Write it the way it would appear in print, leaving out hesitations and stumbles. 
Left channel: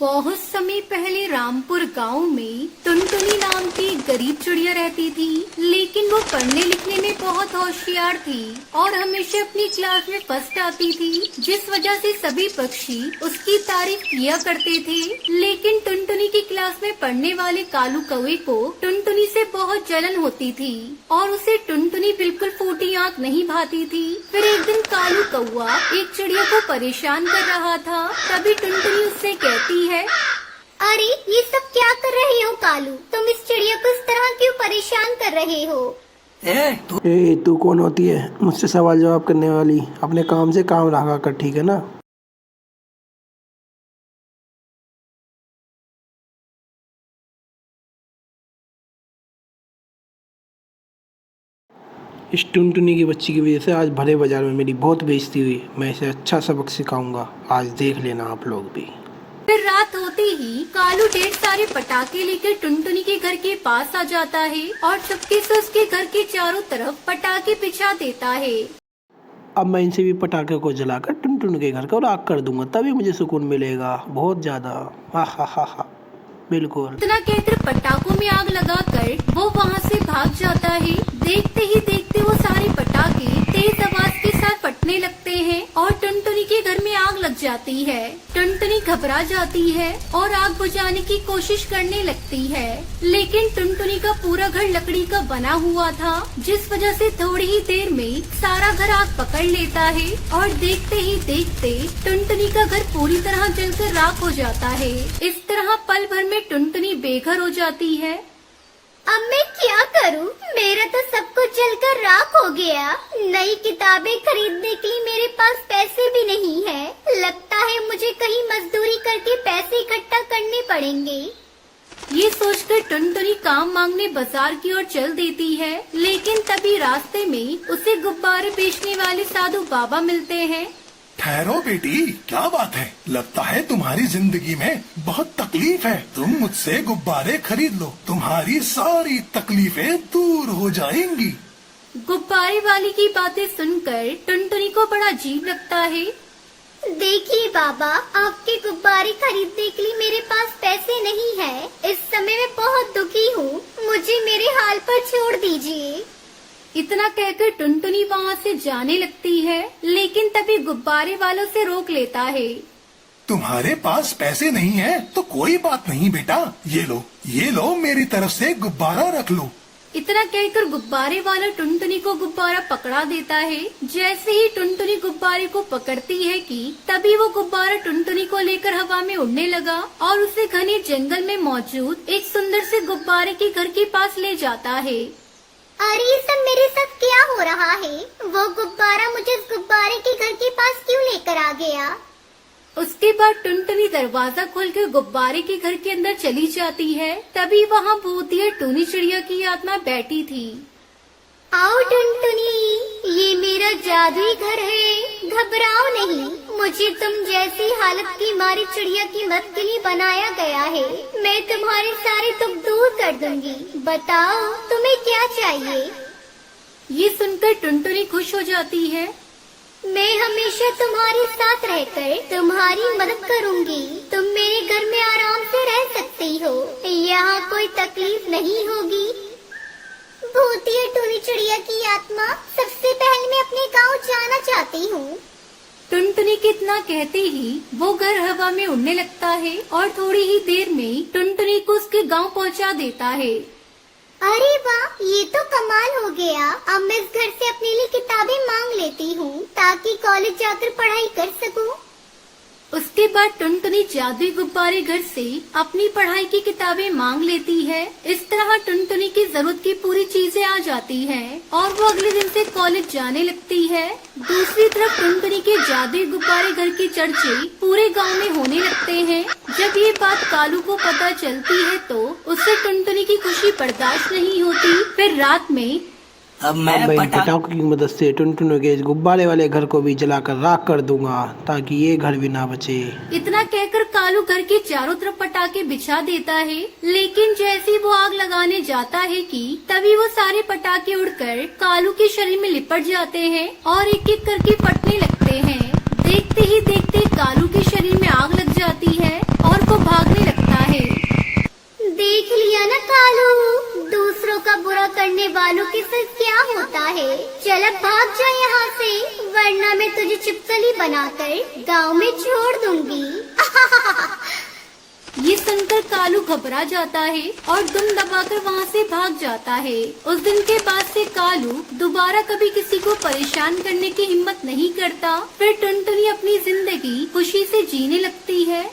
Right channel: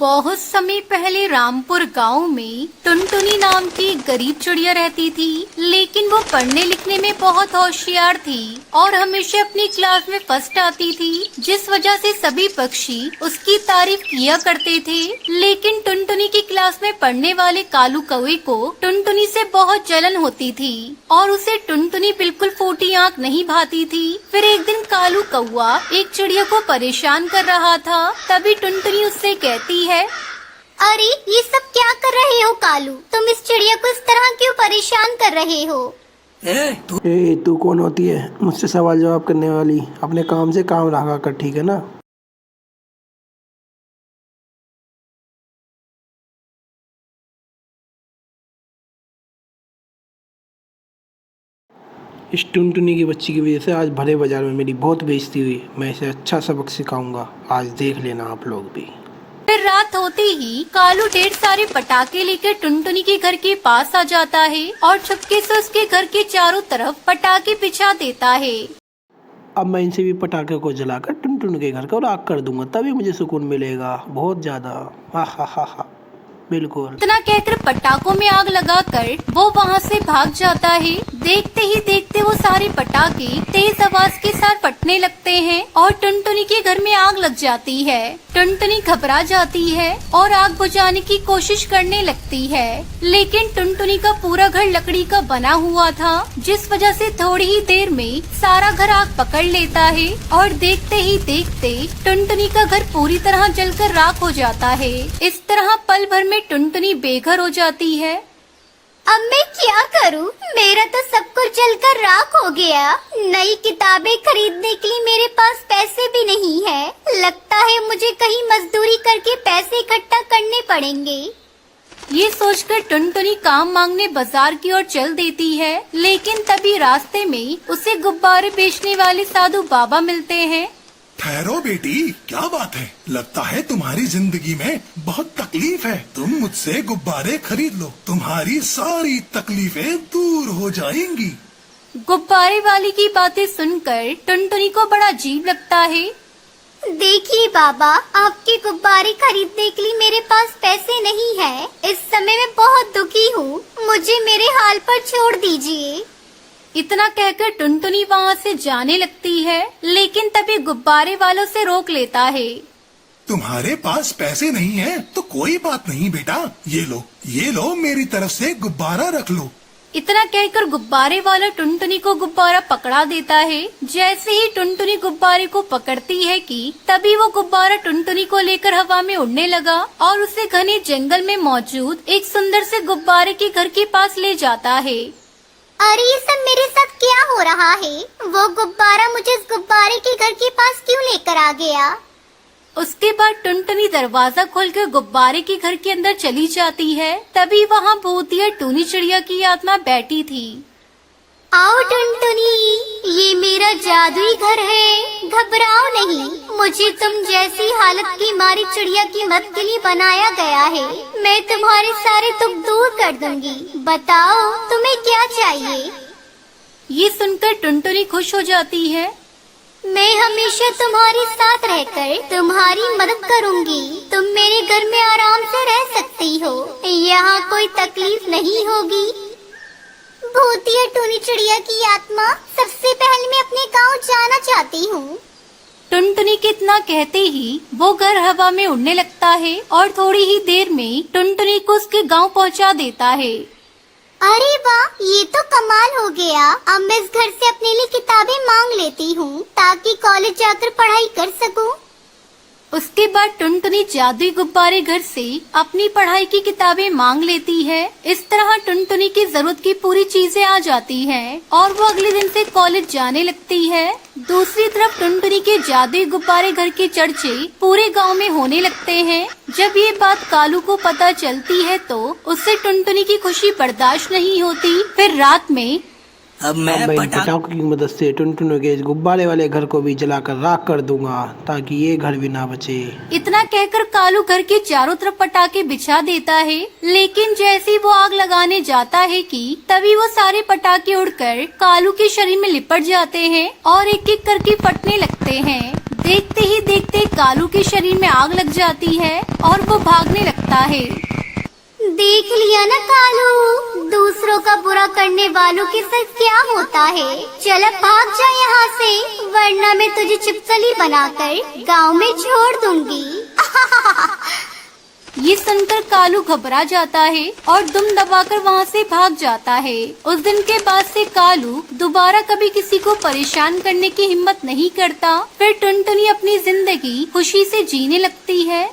बहुत समय पहले रामपुर गांव में टुनटुनी नाम की एक गरीब चिड़िया रहती थी, लेकिन वो पढ़ने लिखने में बहुत होशियार थी और हमेशा अपनी क्लास में फर्स्ट आती थी, जिस वजह से सभी पक्षी उसकी तारीफ किया करते थे। लेकिन टुनटुनी की क्लास में पढ़ने वाले कालू कौवे को टुनटुनी से बहुत जलन होती थी और उसे टुनटुनी बिल्कुल फूटी आँख नहीं भाती थी। फिर एक दिन कालू कौवा एक चिड़िया को परेशान कर रहा था, तभी टुनटुनी उससे कहती है, अरे ये सब क्या कर रहे हो कालू? तुम इस चिड़िया को इस तरह क्यों परेशान कर रहे हो? तू कौन होती है मुझसे सवाल जवाब करने वाली? अपने काम से काम रखा कर, ठीक है ना? इस टुनटुनी की बच्ची की वजह से आज भरे बाजार में मेरी बहुत बेइज्जती हुई। मैं इसे अच्छा सबक सिखाऊंगा, आज देख लेना आप लोग भी। फिर रात होते ही कालू ढेर सारे पटाखे लेकर टुनटुनी के घर के पास आ जाता है और चुपके से उसके घर के चारों तरफ पटाखे बिछा देता है। अब मैं इनसे भी पटाखे को जलाकर टुनटुन के घर को राख कर दूंगा, तभी मुझे सुकून मिलेगा बहुत ज्यादा। हा हा हा हा, बिल्कुल। इतना कहकर पटाखों में आग लगाकर वो वहाँ से भाग जाता है। देखते ही देखते वो सारे पटाखे तेज आवाज के साथ फटने लगते हैं और टुनटुनी के घर में आग लग जाती है। टुनटुनी घबरा जाती है और आग बुझाने की कोशिश करने लगती है, लेकिन टुनटुनी का पूरा घर लकड़ी का बना हुआ था, जिस वजह से थोड़ी ही देर में सारा घर आग पकड़ लेता है और देखते ही देखते टुनटुनी का घर पूरी तरह जलकर राख हो जाता है। इस तरह पल भर में टुनटुनी बेघर हो जाती है। अब मैं क्या करूं? मेरा तो सब कुछ जलकर राख हो गया। नई किताबें खरीदने के लिए मेरे पास पैसे भी नहीं है। लगता है मुझे कहीं मजदूरी करके पैसे इकट्ठा करने पड़ेंगे। ये सोचकर टुनटुनी काम मांगने बाजार की ओर चल देती है, लेकिन तभी रास्ते में उसे गुब्बारे बेचने वाले साधु बाबा मिलते हैं। ठहरो बेटी, क्या बात है? लगता है तुम्हारी जिंदगी में बहुत तकलीफ है। तुम मुझसे गुब्बारे खरीद लो, तुम्हारी सारी तकलीफें दूर हो जाएंगी। गुब्बारे वाली की बातें सुनकर टुनटुनी को बड़ा अजीब लगता है। देखिए बाबा, आपके गुब्बारे खरीदने के लिए मेरे पास पैसे नहीं है। इस समय मैं बहुत दुखी हूँ, मुझे मेरे हाल पर छोड़ दीजिए। इतना कहकर टुनटुनी वहाँ से जाने लगती है, लेकिन तभी गुब्बारे वालों से रोक लेता है। तुम्हारे पास पैसे नहीं है तो कोई बात नहीं बेटा, ये लो मेरी तरफ से गुब्बारा रख लो। इतना कहकर गुब्बारे वाला टुनटुनी को गुब्बारा पकड़ा देता है। जैसे ही टुनटुनी गुब्बारे को पकड़ती है कि तभी वो गुब्बारा टुनटुनी को लेकर हवा में उड़ने लगा और उसे घने जंगल में मौजूद एक सुंदर से गुब्बारे के घर के पास ले जाता है। अरे ये सब मेरे साथ क्या हो रहा है? वो गुब्बारा मुझे इस गुब्बारे के घर के पास क्यों लेकर आ गया? उसके बाद टुनटुनी दरवाजा खोलकर गुब्बारे के घर के अंदर चली जाती है। तभी वहाँ भूतिया टूनी चिड़िया की आत्मा बैठी थी। आओ टुनटुनी, ये मेरा जादुई घर है, घबराओ नहीं। मुझे तुम जैसी हालत की मारी चिड़िया की मदद के लिए बनाया गया है। मैं तुम्हारे सारे दुख दूर कर दूंगी। बताओ तुम्हें क्या चाहिए? ये सुनकर टुनटुनी खुश हो जाती है। मैं हमेशा तुम्हारे साथ रहकर तुम्हारी मदद करूंगी। तुम मेरे घर में आराम से रह सकती हो, यहाँ कोई तकलीफ नहीं होगी। भूतिया टूनी चिड़िया की आत्मा, सबसे पहले मैं अपने गांव जाना चाहती हूँ। टुनटुनी के इतना कहते ही वो घर हवा में उड़ने लगता है और थोड़ी ही देर में टुनटुनी को उसके गांव पहुंचा देता है। अरे वाह, ये तो कमाल हो गया। अब मैं इस घर से अपने लिए किताबें मांग लेती हूँ ताकि कॉलेज जाकर पढ़ाई कर सकूँ। उसके बाद टुनटुनी जादुई गुब्बारे घर से अपनी पढ़ाई की किताबें मांग लेती है। इस तरह टुनटुनी की जरूरत की पूरी चीजें आ जाती हैं और वो अगले दिन से कॉलेज जाने लगती है। दूसरी तरफ टुनटुनी के जादुई गुब्बारे घर के चर्चे पूरे गांव में होने लगते हैं। जब ये बात कालू को पता चलती है तो उससे टुनटुनी की खुशी बर्दाश्त नहीं होती। फिर रात में अब मैं इन पटाखों की मदद से टुनटुन के इस गुब्बारे वाले घर को भी जलाकर राख कर दूंगा, ताकि ये घर भी ना बचे। इतना कहकर कालू घर के चारों तरफ पटाखे बिछा देता है, लेकिन जैसे ही वो आग लगाने जाता है कि तभी वो सारे पटाखे उड़कर कालू के शरीर में लिपट जाते हैं और एक एक करके फटने लगते हैं। देखते ही देखते कालू के शरीर में आग लग जाती है और वो ना कालू, दूसरों का बुरा करने वालों के साथ क्या होता है। चल अब भाग जा यहाँ से, वरना मैं तुझे चिपकली बनाकर गांव में छोड़ दूंगी। ये सुनकर कालू घबरा जाता है और दुम दबाकर वहाँ से भाग जाता है। उस दिन के बाद से कालू दोबारा कभी किसी को परेशान करने की हिम्मत नहीं करता। फिर टुनटुनी अपनी जिंदगी खुशी से जीने लगती है।